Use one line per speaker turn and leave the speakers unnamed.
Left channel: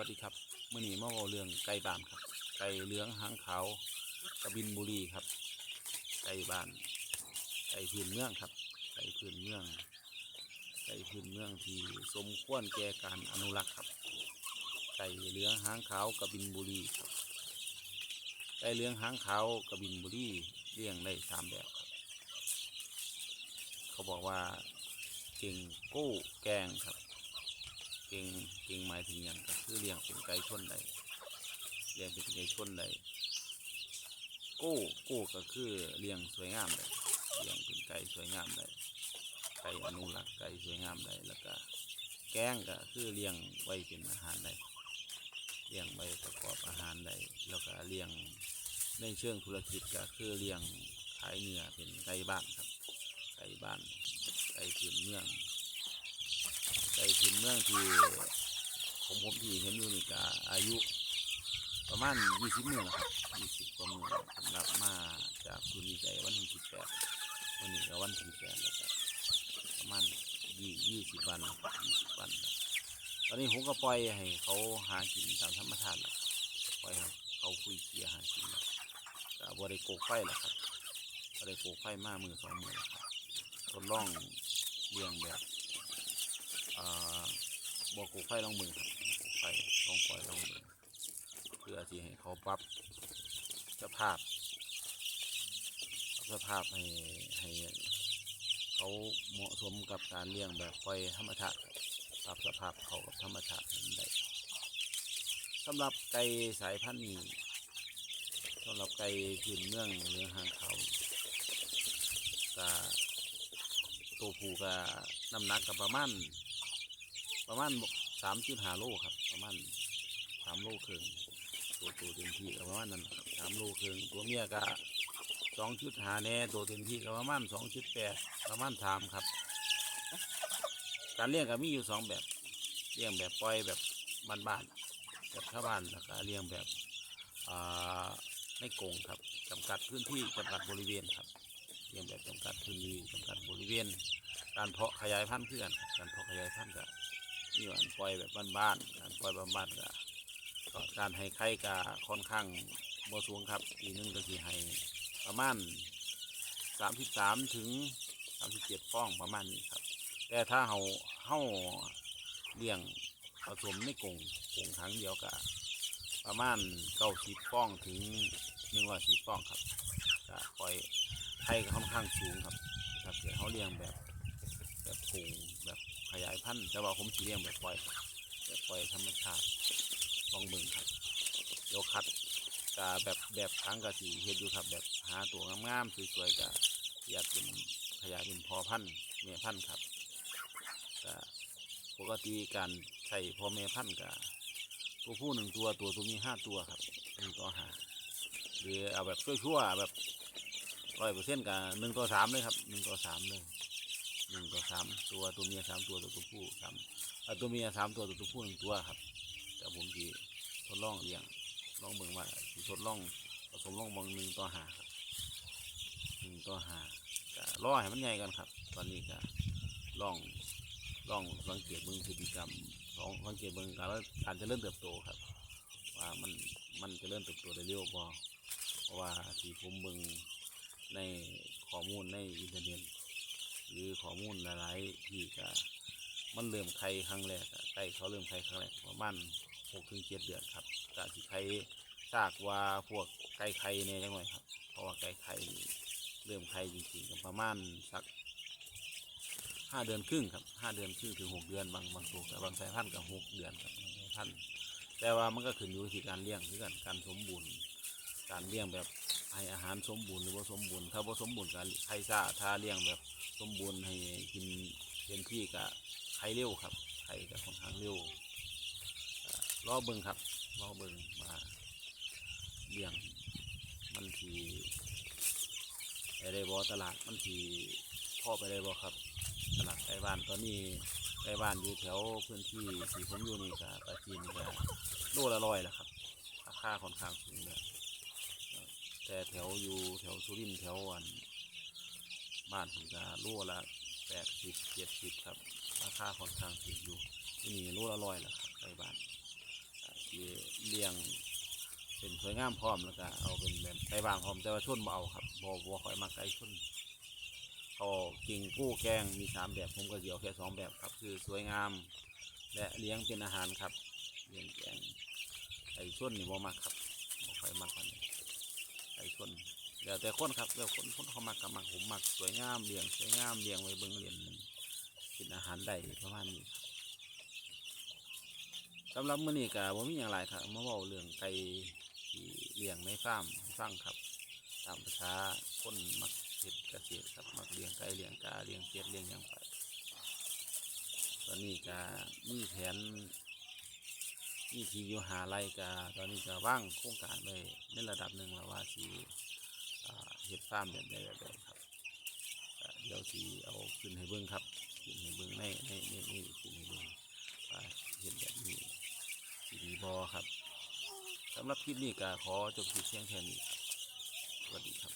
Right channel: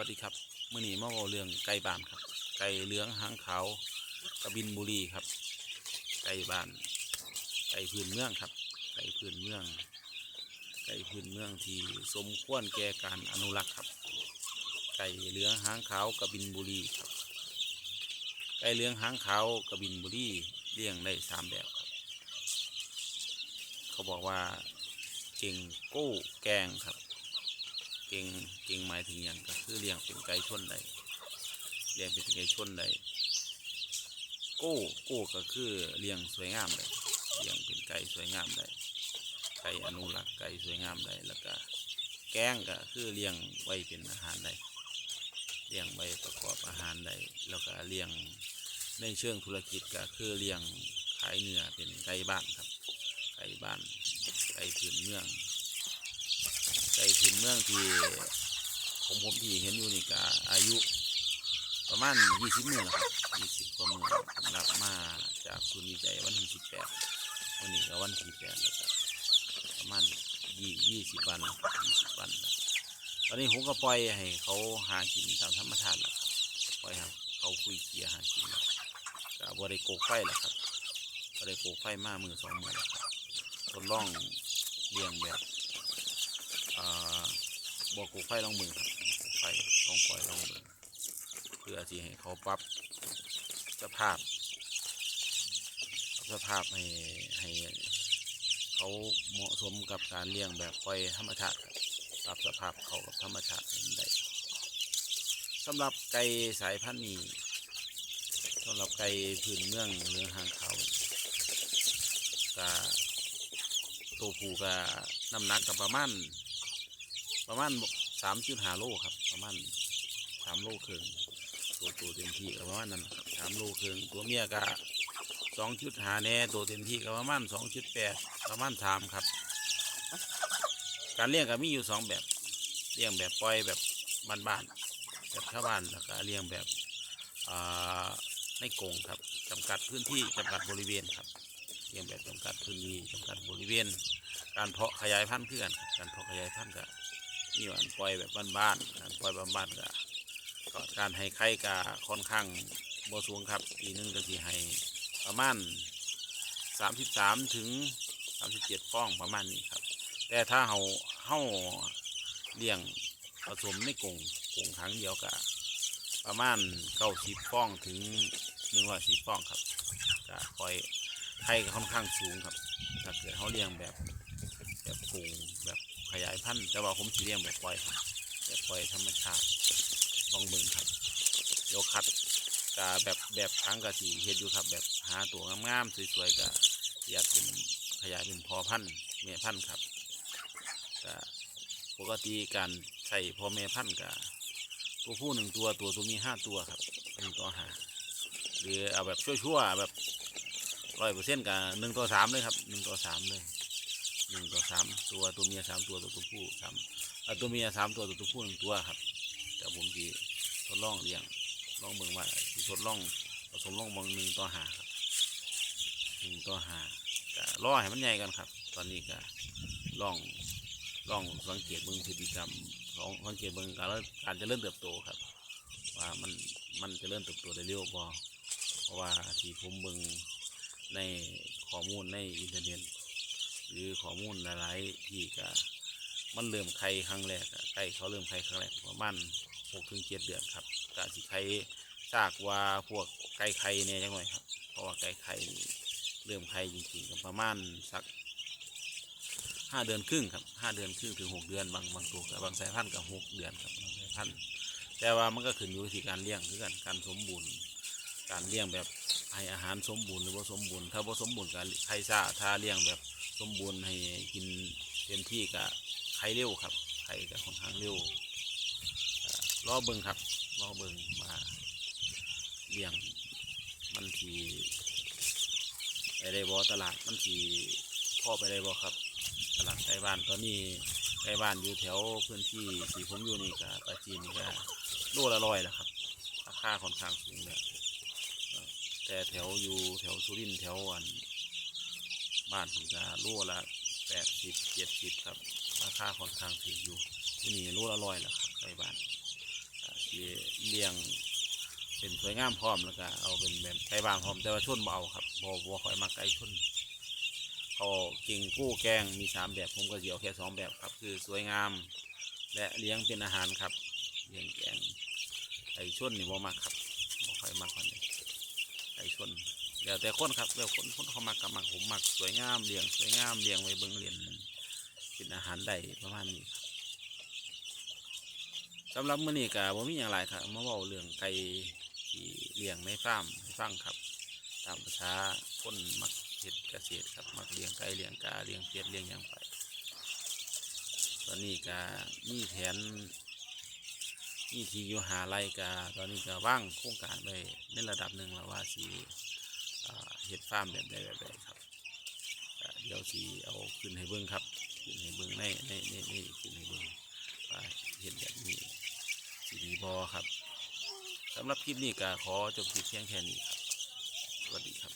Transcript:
วัสดีครับเมื่อนี้มาเว้าเรื่องไก่บ้านครับ ไก่เหลืองหางขาวกระบินบุรีครับ ไก่บ้าน ไก่พื้นเมืองครับ ไก่พื้นเมือง ไก่พื้นเมืองที่สมควรแก่การอนุรักษ์ครับ ไก่เหลืองหางขาวกระบินบุรีครับ ไก่เหลืองหางขาวกระบินบุรีเลี้ยงได้สามแบบครับ เขาบอกว่าเก่งโก้แกงครับ เก่งเก่งหมายถึงอย่างก็คือเลี้ยงเป็นไก่ชนได้เลี้ยงเป็นไก่ชนได้โก้โก้ก็คือเลี้ยงสวยงามได้เลี้ยงเป็นไก่สวยงามได้ไก่อนุรักษ์ไก่สวยงามได้แล้วก็แกงก็คือเลี้ยงไว้เป็นอาหารได้เลี้ยงไว้ประกอบอาหารได้แล้วก็เลี้ยงในเชิงธุรกิจก็คือเลี้ยงขายเนื้อเป็นไก่บ้านครับ ไก่บ้านไก่พื้นเมือง ไก่ถิ่นเมืองที่ของผมที่เห็นอยู่นี่ก็อายุประมาณยี่สิบเมื้อแล้วครับยี่สิบกว่าเมื้อสำหรับมาจากศูนย์วิจัยวันที่สิบแปดวันนี้ก็วันที่แปดแล้วก็ประมาณยี่ยี่สิบวันยี่สิบวันตอนนี้ผมก็ปล่อยให้เขาหากินตามธรรมชาติแล้วครับปล่อยให้เขาคุยเกียร์หากินแล้วก็บริโกไฟแล้วครับบริโกไฟมามือสองมือแล้วครับทดลองเลี้ยงแบบ บอกกูไฟลองมือครับไฟลองปล่อยลองมือเพื่อที่ให้เขาปรับสภาพสภาพให้ให้เขาเหมาะสมกับการเลี้ยงแบบปล่อยธรรมชาติปรับสภาพเขากับธรรมชาติให้ได้สำหรับไก่สายพันธุ์นี้สำหรับไก่พื้นเมืองเรืองหางเขาก็ตัวผู้ก็น้ำหนักก็ประมาณ ประมาณสามจุดห้าโลครับ ประมาณสามโลครึ่งตัวตัวเต็มที่ก็ประมาณนั้นครับสามโลครึ่งตัวเมียก็สองจุดหาแน่ตัวเต็มที่ก็ประมาณสองจุดแปดประมาณสามครับ การเลี้ยงก็มีอยู่สองแบบเลี้ยงแบบปล่อยแบบบ้านๆแบบชาวบ้านแล้วก็เลี้ยงแบบในกรงครับจำกัดพื้นที่จำกัดบริเวณครับเลี้ยงแบบจำกัดพื้นที่จำกัดบริเวณ การเพาะขยายพันธุ์เพื่อนการเพาะขยายพันธุ์ก็ นี่วันปล่อยแบบบ้านๆการปล่อยบ้านๆก็ก็การให้ไข่ก็ค่อนข้างบ่สูงครับปีนึงก็สิให้ประมาณสามสิบสามถึงสามสิบเจ็ดฟองประมาณนี้ครับ แต่ถ้าเฮาเฮาเลี้ยงผสมในกรงกรงครั้งเดียวก็ประมาณเก้าสิบฟองถึงหนึ่งร้อยสิบฟองครับก็คอยไข่ก็ค่อนข้างสูงครับ ถ้าเกิดเขาเลี้ยงแบบแบบกรงแบบ ขยายพันธุ์แต่ว่าผมสีเลี้ยงแบบปล่อยครับแบบปล่อยธรรมชาติต้องเบิ่งครับเดี๋ยวคัดกาแบบแบบทั้งกะสีเฮ็ดอยู่ครับ แบบหาตัวงามๆสวยๆกะอยากเป็นขยายเป็นพอพันธุ์แม่พันธุ์ครับกะปกติการใส่พอแม่พันธุ์กะตัวผู้หนึ่งตัวตัวตัวมีห้าตัวครับหนึ่งต่อห้าหรือเอาแบบชั่วๆแบบร้อยเปอร์เซ็นต์กับหนึ่งต่อสามเลยครับหนึ่งต่อสามเลย หนึ่งต่อสามตัวตัวเมียสามตัวตัวตัวผู้สามตัวเมียสามตัวตัวตัวผู้หนึ่งตัวครับแต่ผมจีทดลองเลี้ยงลองเบิ่งว่าทดลองผสมลองบางหนึ่งต่อหาครับหนึ่งต่อหาก็รอให้มันใหญ่กันครับ ตอนนี้ก็ลองลองสังเกตเบิ่งพฤติกรรมลองสังเกตเบิ่งการการจะเริ่มเติบโตครับ ว่ามันมันจะเริ่มเติบโตได้เร็วบ่เพราะว่าที่ผมเบิ่งในข้อมูลในอินเทอร์เน็ต หรือข้อมูลหลายๆที่ก็มันเริ่มไข่ครั้งแรกไก่เขาเริ่มไข่ครั้งแรกประมาณหกถึงเจ็ดเดือนครับกะสิไข่จากว่าพวกไก่ไข่เนี่ยจังหน่อยครับ เพราะว่าไก่ไข่เริ่มไข่จริงๆก็ประมาณสักห้าเดือนครึ่งครับห้าเดือนครึ่งถึงหกเดือนบางบางตัวกับบางสายพันธุ์กับหกเดือนครับบางสายพันธุ์แต่ว่ามันก็ขึ้นอยู่ที่การเลี้ยงคือกันการสมบูรณ์ การเลี้ยงแบบให้อาหารสมบูรณ์หรือว่าสมบูรณ์ถ้าว่าสมบูรณ์ก็ไข่ซ่าถ้าเลี้ยงแบบ สมบูรณ์ให้กินเต็มที่กับไข่เร็วครับ ไข่กับค่อนข้างเร็วรอเบิงครับรอเบิงมาเลี้ยงมันทีไปได้บอตลาดมันทีพ่อไปได้บอครับ ตลาดใกล้บ้านตอนนี้ใกล้บ้านอยู่แถวพื้นที่ที่ผมอยู่นี่กับปาจีนนี่ก็โลละร้อยแล้วครับราคาค่อนข้างสูงเลยแต่แถวอยู่แถวสุรินทร์แถวอัน บ้านผมจะรั่วละแปดสิบเจ็ดสิบครับ ราคาค่อนข้างถูกอยู่ที่นี่รั่วละร้อยแล้วครับใกล้บ้านเลี้ยงเป็นสวยงามพร้อมแล้วก็เอาเป็นแบบไก่บ้านพร้อมแต่ว่าชนเอาครับบ่บ่ค่อยมักไก่ชนเขากิ่งกู้แกงมีสามแบบผมก็สิเอาแค่สองแบบครับ คือสวยงาม และเลี้ยงเป็นอาหารครับเลี้ยงแกงไก่ชนนี่บ่มักครับบ่ค่อยมักมันเลยไก่ชน แล้วแต่คนครับแล้วคนคนเขามักกับมักผมมักสวยงามเลี้ยงสวยงามเลี้ยงไว้เบิ่งเลี้ยงเป็นอาหารได้ประมาณนี้ครับสำหรับมื้อนี้ก็บ่มีหยังหลายครับมาเว้าเรื่องไก่ที่เลี้ยงในฟาร์มให้ฟังครับ ตามภาษาคนมักเฮ็ดเกษตรครับมักเลี้ยงไก่เลี้ยงกาเลี้ยงเป็ดเลี้ยงหยังไป ตอนนี้ก็มีแผนมีที่อยู่หาไรกาตอนนี้ก็ว่างโครงการไปในระดับหนึ่งแล้วว่าสี เฮ็ดฟาร์มแบบใดแบบใดครับเดี๋ยวสีเอาขึ้นให้เบิ้งครับขึ้นให้เบิ้งในในในในขึ้นให้เบิ้งเห็นแบบนี้สีดีบอครับสำหรับคลิปนี้ก็ขอจบคลิปเพียงแค่นี้ครับสวัสดีครับ